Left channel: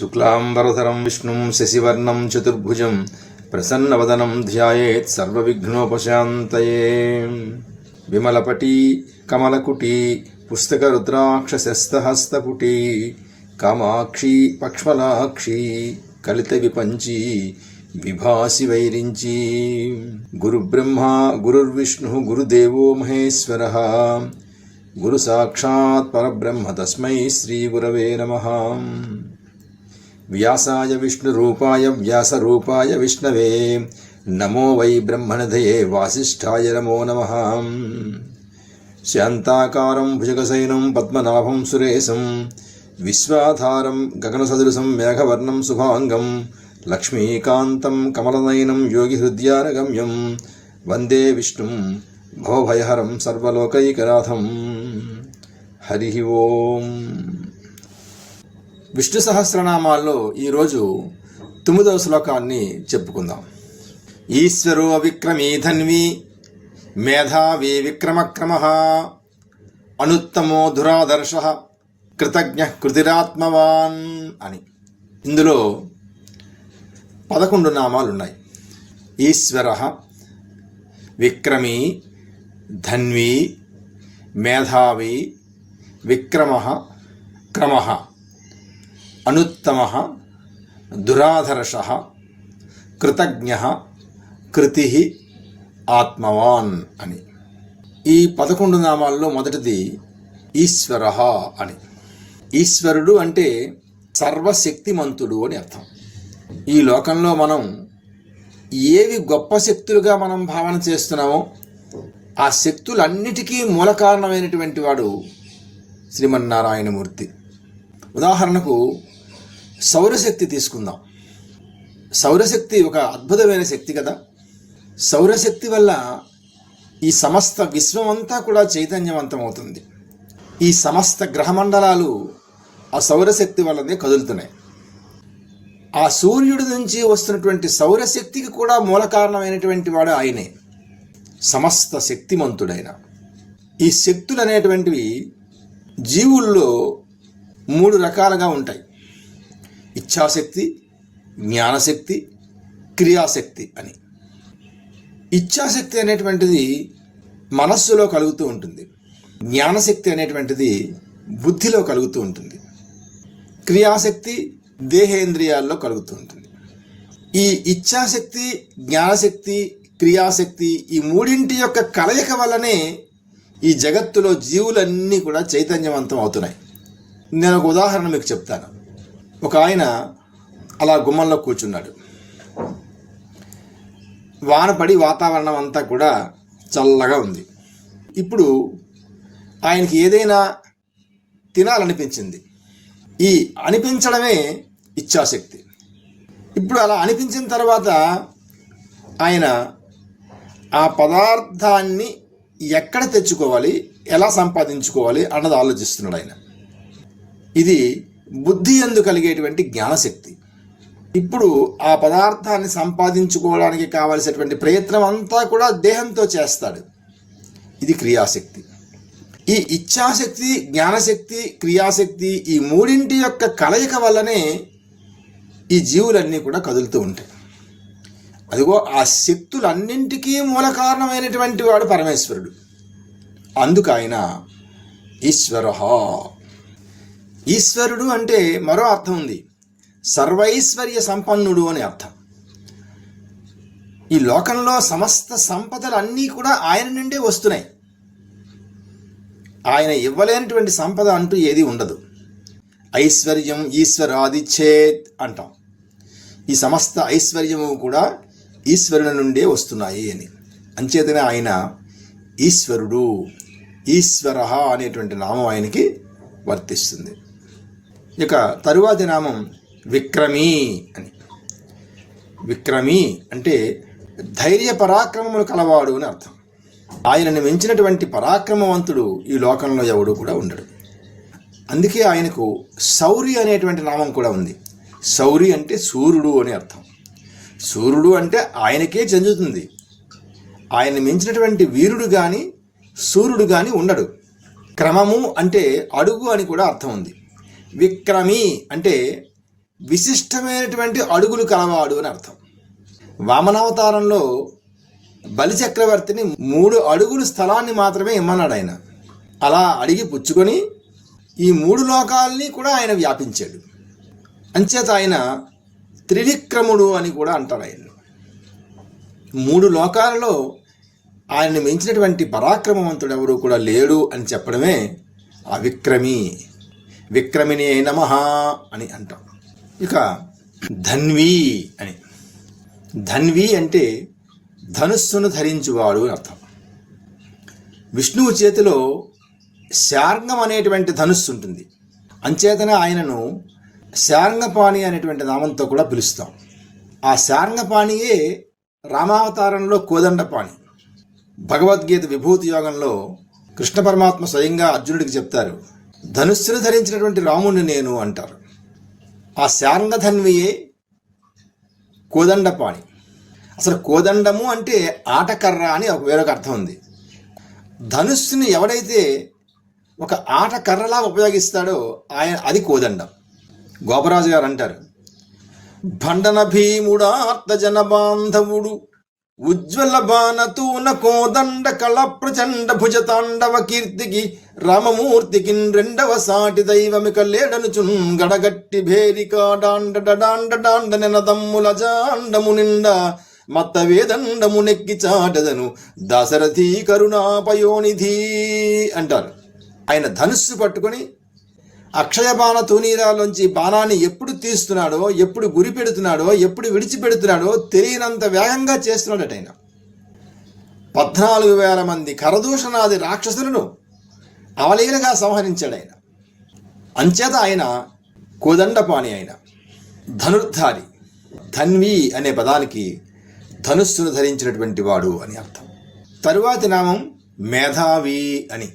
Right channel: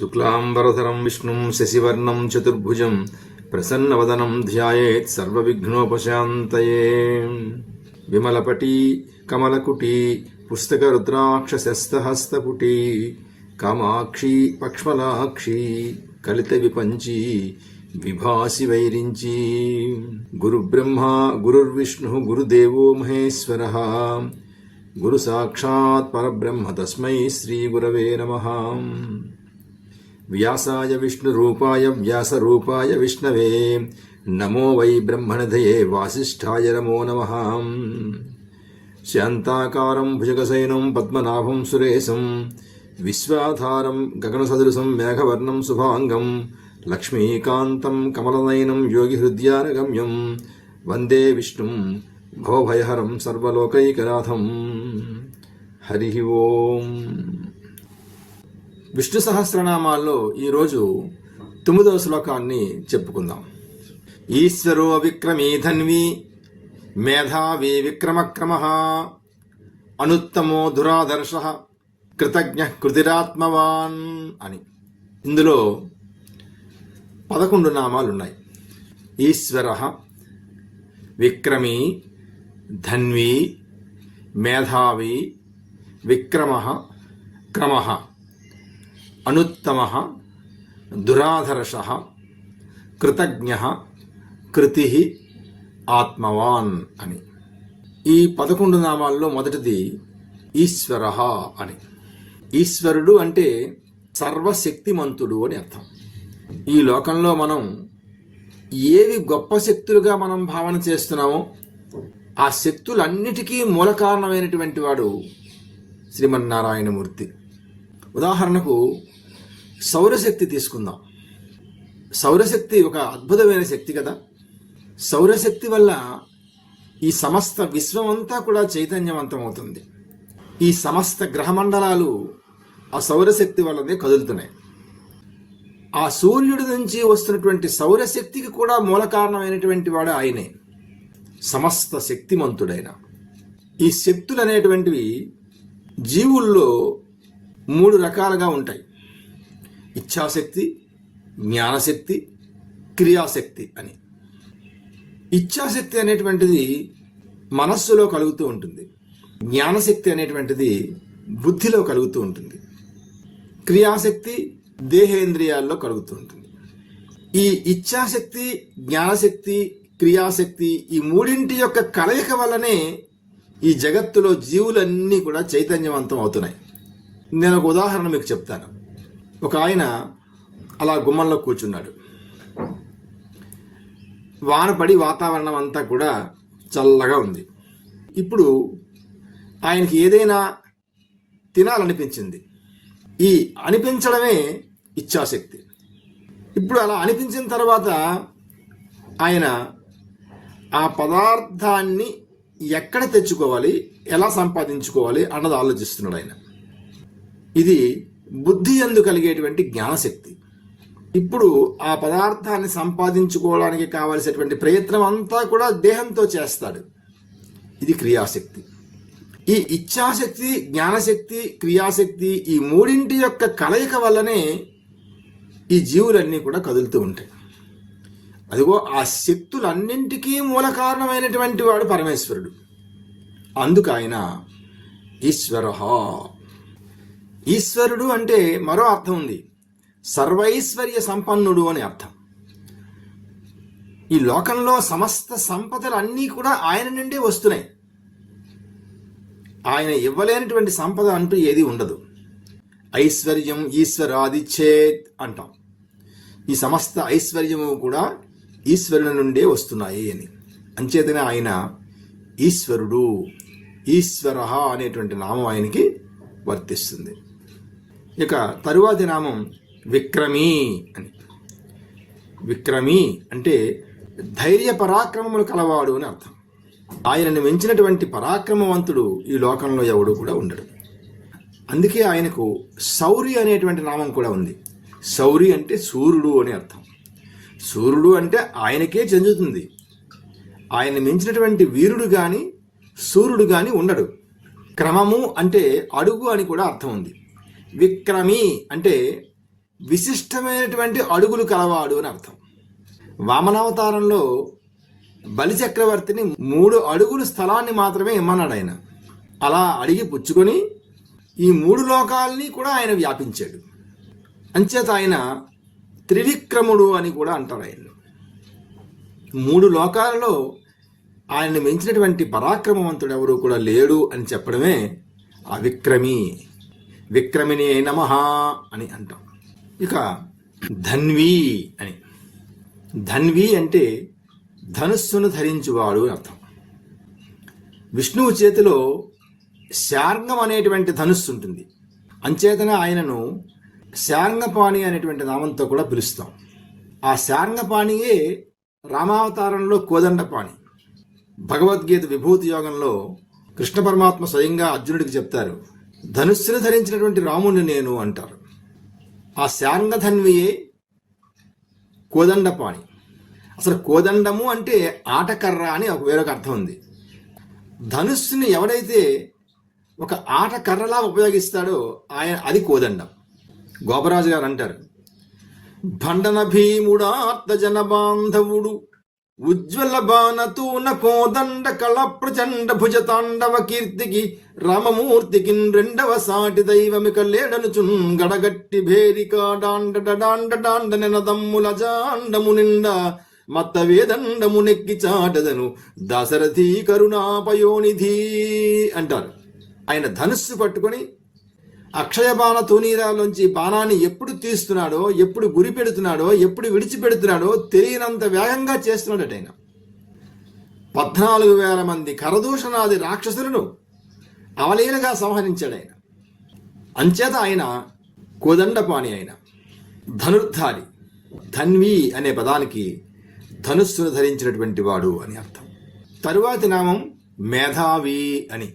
శుక్లాంబరధరం విష్ణుం శశివర్ణం చతుర్భుజం ప్రసన్నవదనం ధ్యాయేత్ సర్వవిఘ్నోపశాంతయే. విమలపటీ కమలకుటీ పుస్తకరుద్రాక్షశస్తహస్తపుటీ కామాక్షి పక్ష్మలాక్షి కలిత విపంచి విభాసి వైరించి గురుబ్రహ్మ గురుర్విష్ణు గురుదేవో మహేశ్వర. గురు సాక్షాత్ పరబ్రహ్మ తస్మై శ్రీ గురవే నమ. వ్యాసాయ విష్ణురూపాయ వ్యాసరూపాయ విష్ణవే. నమో వై బ్రహ్మణధయే వాసిష్ఠాయ నమో నమ. శాంతాకారం భుజగసైనం పద్మనాభం సురేశం. విశ్వాధారం గగనసదృశం మేఘవర్ణం శుభాంగం. లక్ష్మీకాంతం కమలనయనం యోగిహృద్యానగమ్యం వందే విష్ణుం భవభయహరం సర్వలోకైకనాథం. హరి ఓం. విష్ణు సహస్రనామాల్లో ఈరోజు తొమ్మిదవ శ్లోకాన్ని చెప్పుకుందాం. ఈశ్వరో విక్రమీ ధన్వి మేధావి విక్రమక్రమ అనుత్తమో దురాదర్శ కృతజ్ఞ కృతిరాత్మవాన్ అని. ఇందులో పదకొండు నామాలు ఉన్నాయి ఈశ్వర విక్రమీ ధన్వి మేధావి విక్రమ క్రమ. అనుత్తమ దురాధర్ష కృతజ్ఞ కృతి ఆత్మవాన్ అని. ఈ పదకొండు నామాల్లో మొదటిది ఈశ్వర అని. ఈశ్వరుడు అంటే సర్వశక్తిమంతుడు అని అర్థం. ఈ లోకంలో మనం ఏవి గొప్ప శక్తులుగా మనం భావన చేస్తున్నామో ఆ శక్తులన్నిటికీ మూల కారణమైనటువంటి వాడు శ్రీమన్నారాయణమూర్తి. ఉదాహరణకు సౌరశక్తి తీసుకుందాం. సౌరశక్తి ఒక అద్భుతమైన శక్తి కదా. సౌరశక్తి వల్ల ఈ సమస్త విశ్వం అంతా కూడా చైతన్యవంతం అవుతుంది ఈ సమస్త గ్రహమండలాలు ఆ సౌరశక్తి వల్లనే కదులుతున్నాయి. ఆ సూర్యుడి నుంచి వస్తున్నటువంటి సౌరశక్తికి కూడా మూల కారణమైనటువంటి వాడు ఆయనే. సమస్త శక్తిమంతుడైన. ఈ శక్తులు అనేటువంటివి జీవుల్లో మూడు రకాలుగా ఉంటాయి. ఇచ్ఛాశక్తి జ్ఞానశక్తి క్రియాశక్తి అని. ఇచ్ఛాశక్తి అనేటువంటిది మనస్సులో కలుగుతూ ఉంటుంది. జ్ఞానశక్తి అనేటువంటిది బుద్ధిలో కలుగుతూ ఉంటుంది. క్రియాశక్తి దేహేంద్రియాల్లో కలుగుతూ ఉంటుంది. ఈ ఇచ్ఛాశక్తి జ్ఞానశక్తి క్రియాశక్తి ఈ మూడింటి యొక్క కలయిక వల్లనే ఈ జగత్తులో జీవులన్నీ కూడా చైతన్యవంతం అవుతున్నాయి. నేను ఒక ఉదాహరణ మీకు చెప్తాను. ఒక ఆయన అలా గుమ్మంలో కూర్చున్నాడు. వానపడి వాతావరణం అంతా కూడా చల్లగా ఉంది. ఇప్పుడు ఆయనకి ఏదైనా తినాలనిపించింది. ఈ అనిపించడమే ఇచ్ఛాశక్తి. ఇప్పుడు అలా అనిపించిన తర్వాత ఆయన ఆ పదార్థాన్ని ఎక్కడ తెచ్చుకోవాలి ఎలా సంపాదించుకోవాలి అన్నది ఆలోచిస్తున్నాడు ఆయన. ఇది బుద్ధి అందు కలిగేటువంటి జ్ఞానశక్తి. ఇప్పుడు ఆ పదార్థాన్ని సంపాదించుకోవడానికి కావలసినటువంటి ప్రయత్నం అంతా కూడా దేహంతో చేస్తాడు. ఇది క్రియాశక్తి. ఈ ఇచ్ఛాశక్తి జ్ఞానశక్తి క్రియాశక్తి ఈ మూడింటి యొక్క కలయిక వల్లనే ఈ జీవులన్నీ కూడా కదులుతూ ఉంటాయి. అదిగో ఆ శక్తులన్నింటికీ మూల కారణమైనటువంటి వాడు పరమేశ్వరుడు. అందుకు ఆయన ఈశ్వర ఈశ్వరుడు అంటే మరో అర్థం ఉంది. సర్వైశ్వర్య సంపన్నుడు అని అర్థం. ఈ లోకంలో సమస్త సంపదలు అన్నీ కూడా ఆయన నుండే వస్తున్నాయి. ఆయన ఇవ్వలేనటువంటి సంపద అంటూ ఏది ఉండదు. ఐశ్వర్యం ఈశ్వరాదిచ్చేత్ అంటాం. ఈ సమస్త ఐశ్వర్యము కూడా ఈశ్వరుని నుండే వస్తున్నాయి అని. అంచేతనే ఆయన ఈశ్వరుడు ఈశ్వర అనేటువంటి నామం ఆయనకి వర్తిస్తుంది. ఇక తరువాతి నామం విక్రమీ అని. విక్రమీ అంటే ధైర్య పరాక్రమములు కలవాడు అని అర్థం. ఆయనను మించినటువంటి పరాక్రమవంతుడు ఈ లోకంలో ఎవడు కూడా ఉండడు. అందుకే ఆయనకు శౌరి అనేటువంటి నామం కూడా ఉంది. శౌరి అంటే సూర్యుడు అని అర్థం. సూర్యుడు అంటే ఆయనకే చెందుతుంది. ఆయన మించినటువంటి వీరుడు కానీ సూర్యుడు కానీ ఉండడు. క్రమము అంటే అడుగు అని కూడా అర్థం ఉంది. విక్రమి అంటే విశిష్టమైనటువంటి అడుగులు కలవాడు అని అర్థం. వామనావతారంలో బలిచక్రవర్తిని మూడు అడుగులు స్థలాన్ని మాత్రమే ఇమ్మన్నాడు ఆయన. అలా అడిగి పుచ్చుకొని ఈ మూడు లోకాల్ని కూడా ఆయన వ్యాపించాడు. అంచేత ఆయన త్రివిక్రముడు అని కూడా అంటారు ఆయన మూడు లోకాలలో ఆయన్ని మించినటువంటి పరాక్రమవంతుడు ఎవరు కూడా లేడు అని చెప్పడమే అవిక్రమి విక్రమిని నమ అని అంటాం. ఇక ధన్వి అని. ధన్వి అంటే ధనుస్సును ధరించువాడు అని అర్థం. విష్ణువు చేతిలో శార్ంగం అనేటువంటి ధనుస్సు ఉంటుంది. అంచేతనే ఆయనను శార్ంగపాణి అనేటువంటి నామంతో కూడా పిలుస్తాం. ఆ శార్ంగపాణియే రామావతారంలో కోదండపాణి. భగవద్గీత విభూతి యోగంలో కృష్ణ పరమాత్మ స్వయంగా అర్జునుడికి చెప్తారు ధనుస్సును ధరించినటువంటి రాముణ్ణి నేను అంటారు. ఆ శాంగధన్వియే కోదండపాణి. అసలు కోదండము అంటే ఆటకర్ర అని ఒక వేరొక అర్థం ఉంది. ధనుస్సుని ఎవడైతే ఒక ఆటకర్రలా ఉపయోగిస్తాడో ఆయన అది కోదండం. గోపరాజు గారు అంటారు భండన భీముడా అర్థజన బాంధవుడు ఉజ్వల బాణతూన కోదండ కళ ప్రచండ భుజతాండవ కీర్తికి రామమూర్తికి రెండవ సాటి దైవమిక లేడనుచున్ గడగట్టి భేరికా డాండ డాండ డాండ నెనదమ్ముల జాండము నిండా మత్త వేదండము నెక్కి చాటదను దశరథి కరుణాపయోనిధి అంటారు. ఆయన ధనుస్సు పట్టుకొని అక్షయ బాణ తూనీరాలోంచి బాణాన్ని ఎప్పుడు తీస్తున్నాడో ఎప్పుడు గురి పెడుతున్నాడో ఎప్పుడు విడిచిపెడుతున్నాడో తెలియనంత వేగంగా చేస్తున్నాడట ఆయన. పద్నాలుగు వేల మంది కరదూషణాది రాక్షసులను అవలీలగా సంహరించాడు ఆయన. అంచేత ఆయన కోదండపాణి ఆయన. ధనుర్ధారి ధన్వి అనే పదానికి ధనుస్సును ధరించినటువంటి వాడు అని అర్థం. తరువాతి నామం మేధావి అని.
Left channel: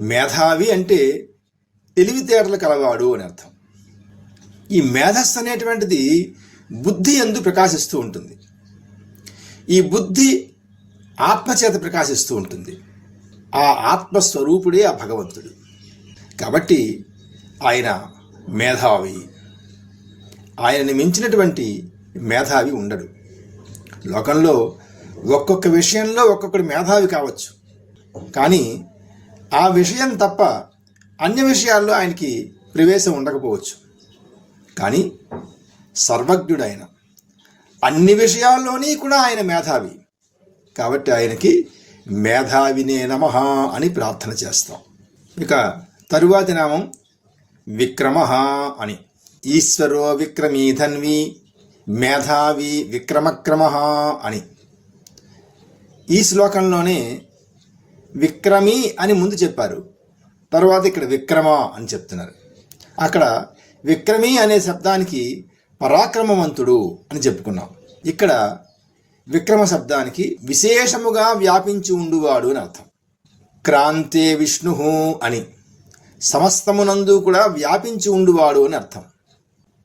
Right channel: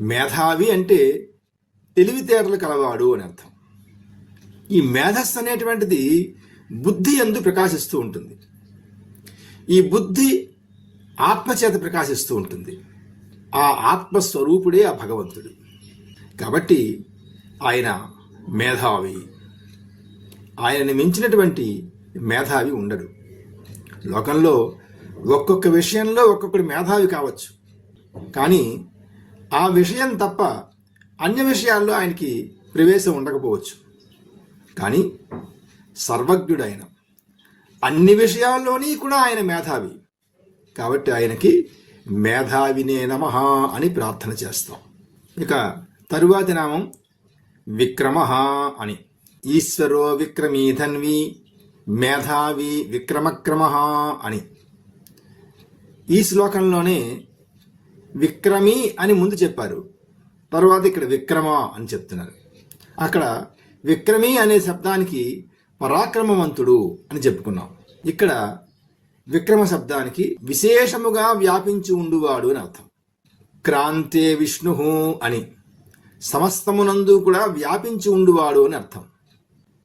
మేధావి అంటే తెలివితేటలు కలవాడు అని అర్థం. ఈ మేధస్సు అనేటువంటిది బుద్ధి ఎందు ప్రకాశిస్తూ ఉంటుంది. ఈ బుద్ధి ఆత్మచేత ప్రకాశిస్తూ ఉంటుంది. ఆ ఆత్మస్వరూపుడే ఆ భగవంతుడు. కాబట్టి ఆయన మేధావి. ఆయనని మించినటువంటి మేధావి ఉండడు. లోకంలో ఒక్కొక్క విషయంలో ఒక్కొక్కడు మేధావి కావచ్చు. కానీ ఆ విషయం తప్ప అన్ని విషయాల్లో ఆయనకి ప్రవేశం ఉండకపోవచ్చు. కానీ సర్వజ్ఞుడు ఆయన అన్ని విషయాల్లోని కూడా ఆయన మేధావి. కాబట్టి ఆయనకి మేధావినే నమ అని ప్రార్థన చేస్తాం. ఇక తరువాతి నామం విక్రమ అని. ఈశ్వరో విక్రమీ ధన్వి మేధావి విక్రమక్రమ అని. ఈ శ్లోకంలోనే విక్రమి అని ముందు చెప్పారు. తర్వాత ఇక్కడ విక్రమ అని చెప్తున్నారు. అక్కడ విక్రమి అనే శబ్దానికి పరాక్రమవంతుడు అని చెప్పుకున్నాం. ఇక్కడ విక్రమ శబ్దానికి విశేషముగా వ్యాపించి ఉండువాడు అని అర్థం. క్రాంతే విష్ణు అని సమస్తమునందు కూడా వ్యాపించి ఉండువాడు అని అర్థం.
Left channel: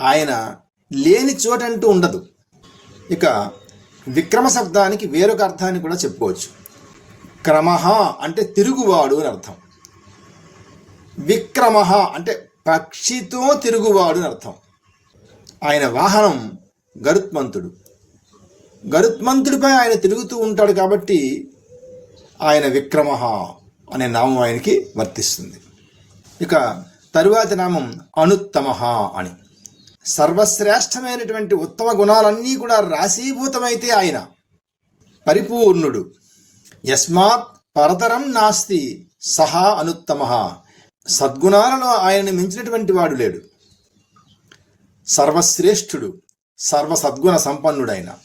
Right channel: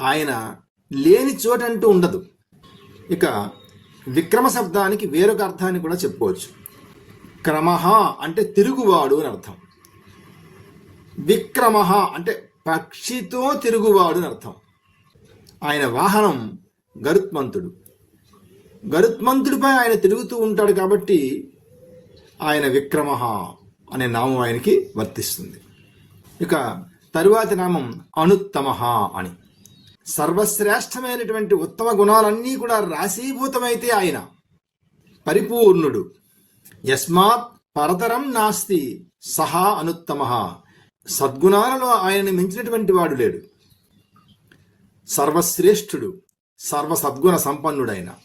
ఆయన లేని చోటంటూ ఉండదు. ఇక విక్రమ శబ్దానికి వేరొక అర్థాన్ని కూడా చెప్పుకోవచ్చు. క్రమ అంటే తిరుగువాడు అని అర్థం. విక్రమ అంటే పక్షితో తిరుగువాడు అని అర్థం. ఆయన వాహనం గరుత్మంతుడు. గరుత్మంతుడిపై ఆయన తిరుగుతూ ఉంటాడు కాబట్టి ఆయన విక్రమ అనే నామం ఆయనకి వర్తిస్తుంది. ఇక తరువాతి నామం అనుత్తమ అని. సర్వశ్రేష్టమైనటువంటి ఉత్తమ గుణాలన్నీ కూడా రాశీభూతమైతే ఆయన. పరిపూర్ణుడు. యస్మాత్ పరతరం నాస్తి సహా అనుత్తమ. సద్గుణాలలో ఆయనని మించినటువంటి వాడు లేడు. సర్వశ్రేష్ఠుడు సర్వ సద్గుణ సంపన్నుడైన.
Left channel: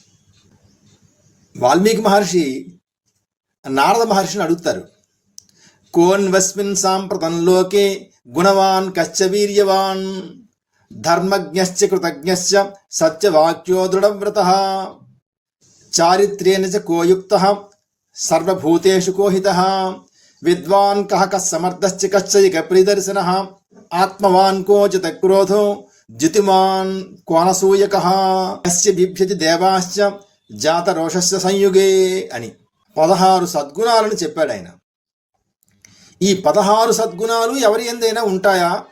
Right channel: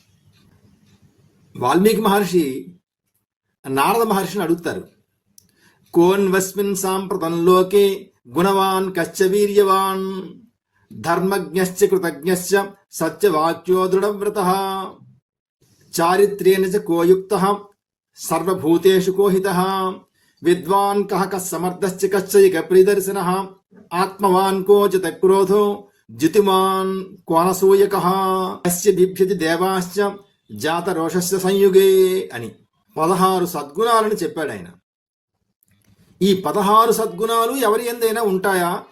వాల్మీకి మహర్షి నారద మహర్షిని అడుగుతారు. కోన్వస్మిన్ సాంప్రతం లోకే గుణవాన్ కశ్చ వీర్యవాన్ ధర్మజ్ఞశ్చ కృతజ్ఞశ్చ సత్యవాక్యో దృఢవ్రత చారిత్ర్యేణ చ కోయుక్త సర్వభూతేషు కోహిత విద్వాన్ కహ కः సమర్థశ్చ కశ్చైక ప్రియదర్శన ఆత్మవాన్ కోచిత క్రోధో జితిమాన్ కోనసూయక బిభ్యతి దేవాశ్చ జాతరోషస్య సంయుగే అని పదహారు సద్గుణాలను చెప్పాడు ఆయన। ఈ పదహారు సద్గుణాలు ఎవరి ఎందైనా ఉంటాయా?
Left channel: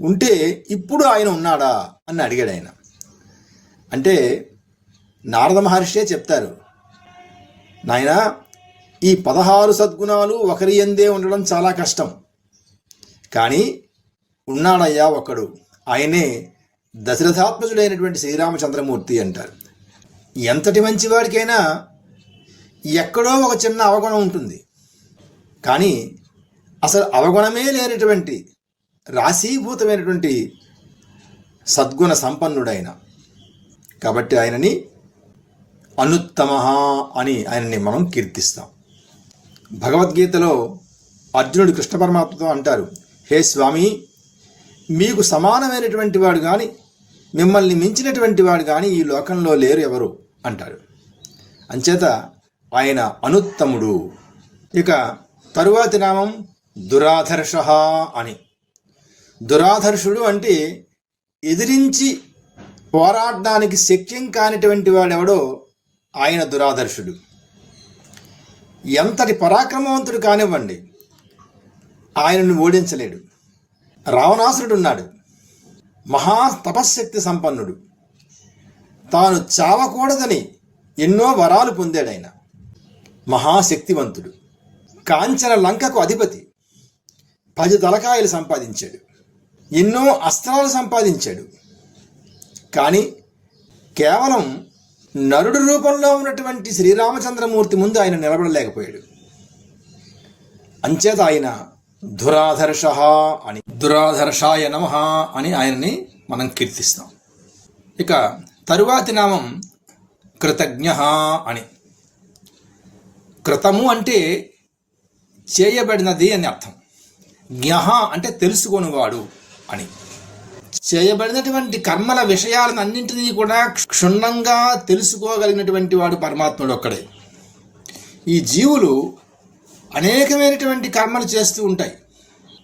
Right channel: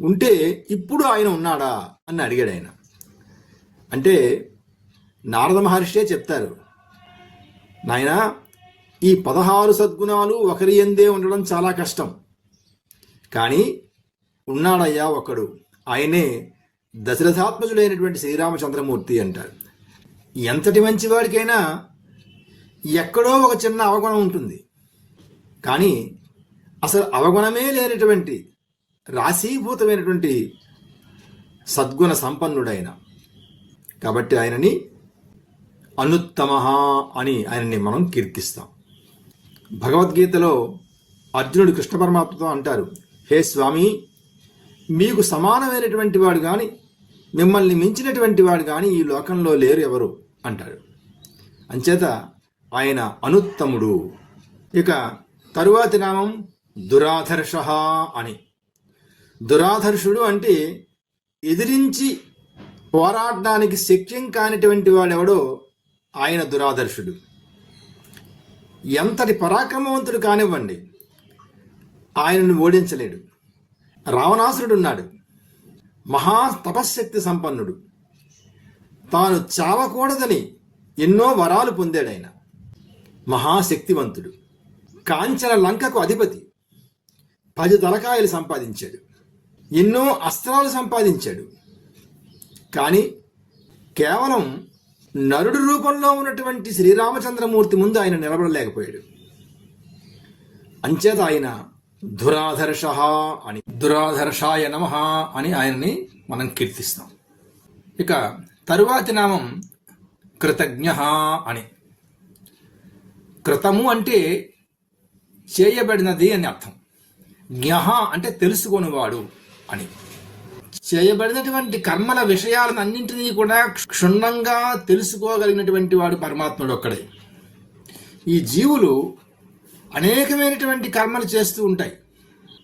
ఉంటే ఇప్పుడు ఆయన ఉన్నాడా? అని అడిగాడు ఆయన। అంటే నారద మహర్షే చెప్తారు। నాయనా ఈ పదహారు సద్గుణాలు ఒకరి ఎందే ఉండడం చాలా కష్టం. కానీ ఉన్నాడయ్యా ఒకడు. ఆయనే దశరథాత్మజుడైనటువంటి శ్రీరామచంద్రమూర్తి అంటారు. ఎంతటి మంచివాడికైనా ఎక్కడో ఒక చిన్న అవగుణం ఉంటుంది. కానీ అసలు అవగుణమే లేనటువంటి రాశీభూతమైనటువంటి సద్గుణ సంపన్నుడైన. కాబట్టి ఆయనని అనుత్తమ అని ఆయనని మనం కీర్తిస్తాం. భగవద్గీతలో అర్జునుడు కృష్ణ పరమాత్మతో అంటారు హే స్వామి మీకు సమానమైనటువంటి వాడు కానీ మిమ్మల్ని మించినటువంటి వాడు కానీ ఈ లోకంలో లేరు ఎవరు? అంటారు. అంచేత ఆయన అనుత్తముడు. ఇక తరువాతి నామం దురాధర్ష అని. దురాధర్షుడు అంటే ఎదిరించి పోరాడడానికి శక్యం కానిటువంటి వాడెవడో ఆయన దురాదర్శుడు ఎంతటి పరాక్రమవంతుడు కానివ్వండి ఆయనను ఓడించలేడు. రావణాసురుడు ఉన్నాడు మహా తపశ్శక్తి సంపన్నుడు. తాను చావకూడదని ఎన్నో వరాలు పొందాడాయన మహాశక్తివంతుడు. కాంచన లంకకు అధిపతి. పది తలకాయలు సంపాదించాడు. ఎన్నో అస్త్రాలు సంపాదించాడు. కానీ కేవలం నరుడు రూపంలో ఉన్నటువంటి శ్రీరామచంద్రమూర్తి ముందు ఆయన నిలబడలేకపోయాడు. అంచేత ఆయన దురాధర్ష అని దురాధర్షాయ నమ అని ఆయన్ని మనం కీర్తిస్తాం. ఇక తరువాతి నామం కృతజ్ఞ అని. కృతము అంటే చేయబడినది అని అర్థం. జ్ఞ అంటే తెలుసుకొనివాడు అని. చేయబడినటువంటి కర్మల విషయాలను అన్నింటినీ కూడా క్షుణ్ణంగా తెలుసుకోగలిగినటువంటి వాడు పరమాత్ముడు ఒక్కడే. ఈ జీవులు అనేకమైనటువంటి కర్మలు చేస్తూ ఉంటాయి.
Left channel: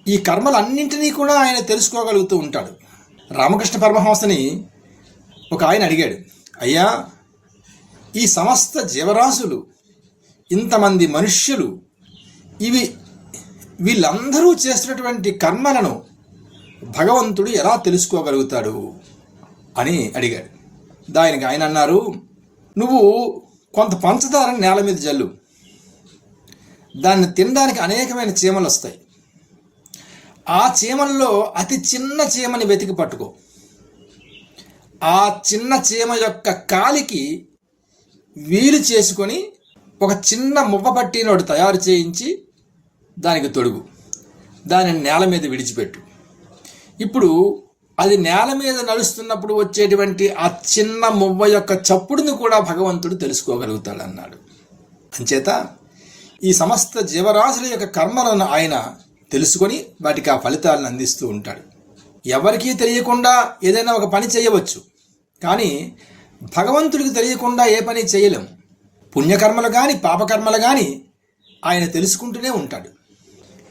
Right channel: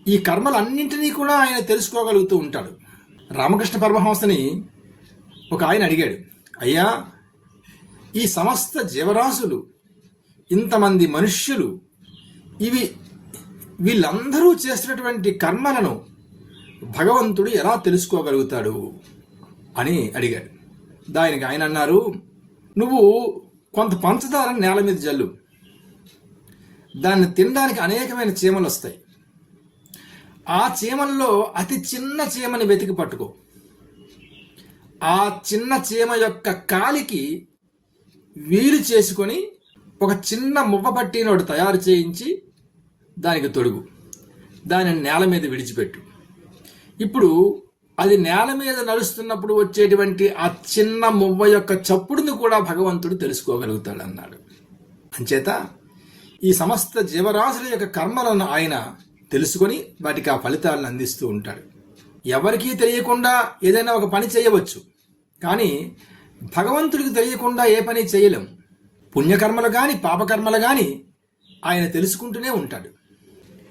ఈ కర్మలన్నింటినీ కూడా ఆయన తెలుసుకోగలుగుతూ ఉంటాడు. రామకృష్ణ పరమహంసని ఒక ఆయన అడిగాడు అయ్యా ఈ సమస్త జీవరాశులు ఇంతమంది మనుష్యులు ఇవి వీళ్ళందరూ చేస్తున్నటువంటి కర్మలను భగవంతుడు ఎలా తెలుసుకోగలుగుతాడు అని అడిగాడు. దానికి ఆయన అన్నారు నువ్వు కొంత పంచదారను నేల మీద జల్లు. దాన్ని తినడానికి అనేకమైన చీమలు వస్తాయి. ఆ చీమల్లో అతి చిన్న చీమని వెతికి పట్టుకో. ఆ చిన్న చీమ యొక్క కాలికి వీలు చేసుకొని ఒక చిన్న మువ్వ పట్టినోడు తయారు చేయించి దానికి తొడుగు. దానిని నేల మీద విడిచిపెట్టు. ఇప్పుడు అది నేల మీద నడుస్తున్నప్పుడు వచ్చేటువంటి ఆ చిన్న మువ్వ యొక్క చప్పుడుని కూడా భగవంతుడు తెలుసుకోగలుగుతాడు అన్నాడు అంచేత ఈ సమస్త జీవరాశుల యొక్క కర్మలను ఆయన తెలుసుకొని వాటికి ఆ ఫలితాలను అందిస్తూ ఉంటాడు. ఎవరికీ తెలియకుండా ఏదైనా ఒక పని చేయవచ్చు. కానీ భగవంతుడికి తెలియకుండా ఏ పని చేయలేం. పుణ్యకర్మలు కానీ పాపకర్మలు కానీ ఆయన తెలుసుకుంటూనే ఉంటాడు.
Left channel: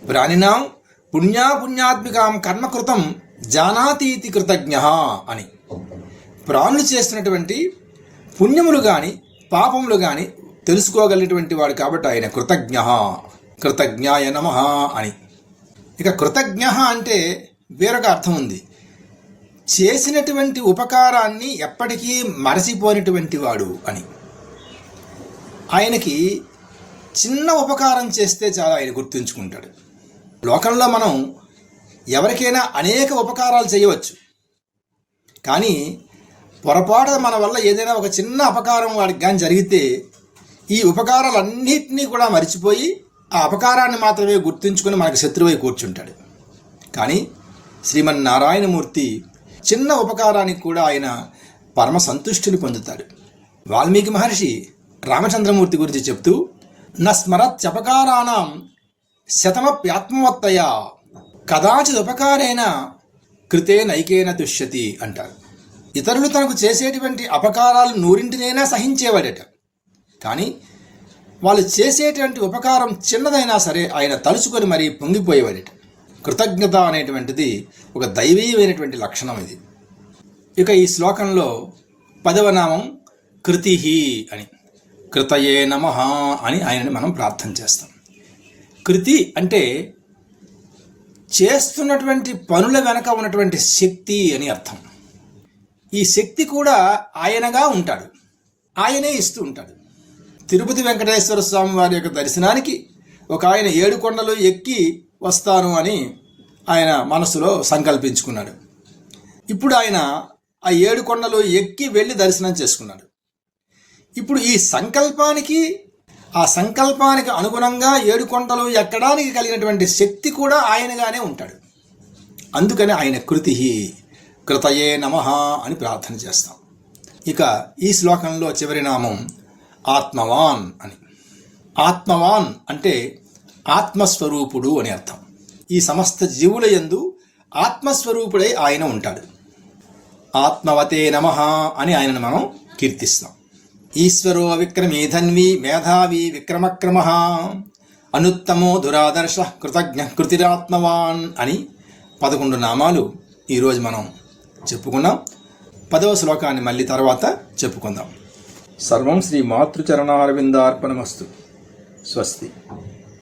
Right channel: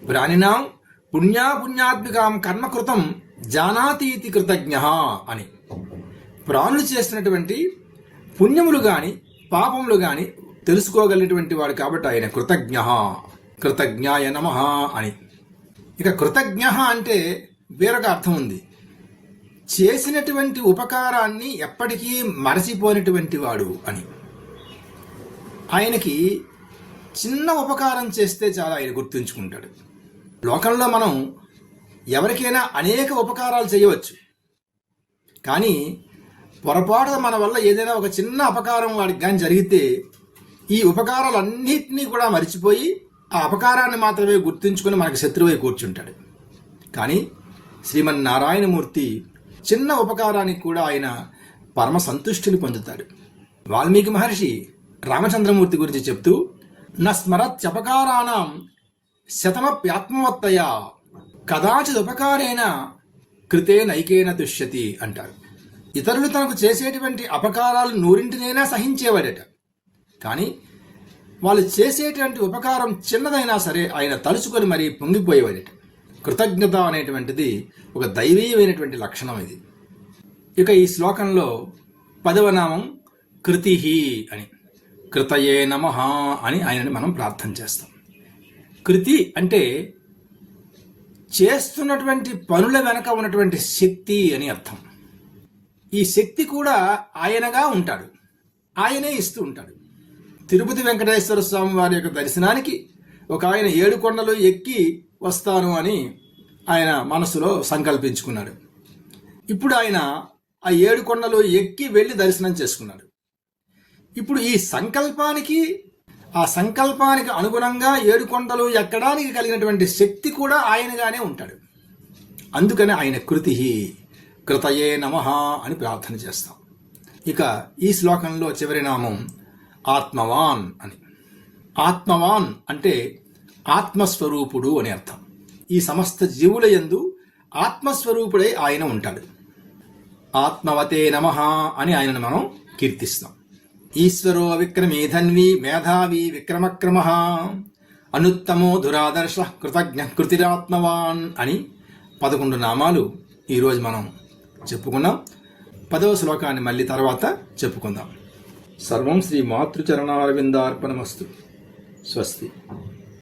ప్రాణినాం పుణ్యాపుణ్యాత్మికాం కర్మకృతం జానాతీతి కృతజ్ఞ అని. ప్రాణులు చేసినటువంటి పుణ్యములు కానీ పాపములు కానీ తెలుసుకోగలిగినటువంటి వాడు కాబట్టి ఆయన కృతజ్ఞ. కృతజ్ఞాయ నమ అని. ఇక కృతజ్ఞ అంటే వేరొక అర్థం ఉంది. చేసినటువంటి ఉపకారాన్ని ఎప్పటికీ మరచిపోయినటువంటి వాడు అని. ఆయనకి చిన్న ఉపకారం చేస్తే చాలా ఆయన గుర్తుంచుకుంటాడు. లోకంలో మనం ఎవరికైనా అనేక ఉపకారాలు చేయవచ్చు. కానీ పొరపాటు మన వల్ల ఏదైనా ఒక చిన్న అపకారం వాడికి కానీ జరిగితే ఈ ఉపకారాలన్నింటినీ కూడా మర్చిపోయి ఆ అపకారాన్ని మాత్రమే గుర్తుంచుకొని మనకు శత్రువై కూర్చుంటాడు. కానీ శ్రీమన్నారాయణమూర్తి చిన్న ఉపకారానికి కూడా ఆయన పరమ సంతుష్టిని పొందుతాడు. వాల్మీకి మహర్షి రామచంద్రమూర్తి గురించి చెప్తూ న స్మరత్యపకారాణం శతమప్యాత్మవత్తయ. కదాచిదుపకారేణ కృతే నైకేన దుష్యతి అంటారు. ఇతరులు తనకు చేసేటువంటి అపకారాలు నూరింటినైనా సహించేవాడట. కానీ వాళ్ళు చేసేటువంటి ఉపకారం చిన్నదైనా సరే ఆయన తలుచుకొని మరీ పొంగిపోయేవాడట. కృతజ్ఞత అనేటువంటిది ఒక దైవీయమైనటువంటి లక్షణం ఇది. ఇక ఈ శ్లోకంలో పదవ నామం కృతి అని. కృతయే నమ అని ఆయనని మనం ప్రార్థన చేస్తాం. కృతి అంటే చేస్తున్నటువంటి పనుల వెనక ఉన్నటువంటి శక్తి అని అర్థం. ఈ శక్తి కూడా ఆయనగా ఉంటాడు. ఆయనే ఇస్తూ ఉంటాడు. తిరుపతి వెంకటేశ్వర స్వామి వారి యొక్క దర్శనానికి ఒక ఆయన ఏడు కొండలు ఎక్కి వస్తాను అని ఆయన మనసులో సంకల్పించుకున్నాడు. ఇప్పుడు ఆయన ఆ ఏడు కొండలు ఎక్కి వెళ్ళి దర్శనం చేసుకున్నాడు. ఇప్పుడు ఈ సంకల్పానికి ఆ సంకల్పానికి అనుగుణంగా ఏడుకొండలు ఎక్కడానికి కలిగినటువంటి శక్తి కూడా ఆయనగానే ఉంటాడు. అందుకని ఆయన కృతి కృతయే నమ అని ప్రార్థన చేస్తాం. ఇక ఈ శ్లోకంలో చివరి నామం ఆత్మవాన్ అని. ఆత్మవాన్ అంటే ఆత్మస్వరూపుడు అని అర్థం. ఈ సమస్త జీవుల యందు ఆత్మస్వరూపుడై ఆయన ఉంటాడు. ఆత్మవతే నమ అని ఆయనను మనం కీర్తిస్తాం. ఈశ్వరో విక్రమీ ధన్వి మేధావి విక్రమక్రమ. అనుత్తమో దురాదర్శ కృతజ్ఞ కృతిరాత్మవాన్ అని పదకొండు నామాలు ఈరోజు మనం చెప్పుకున్నాం. పదవ శ్లోకాన్ని మళ్ళీ తర్వాత చెప్పుకుందాం. సర్వం శ్రీ మాతృచరణారవిందార్పణమస్తు. స్వస్తి.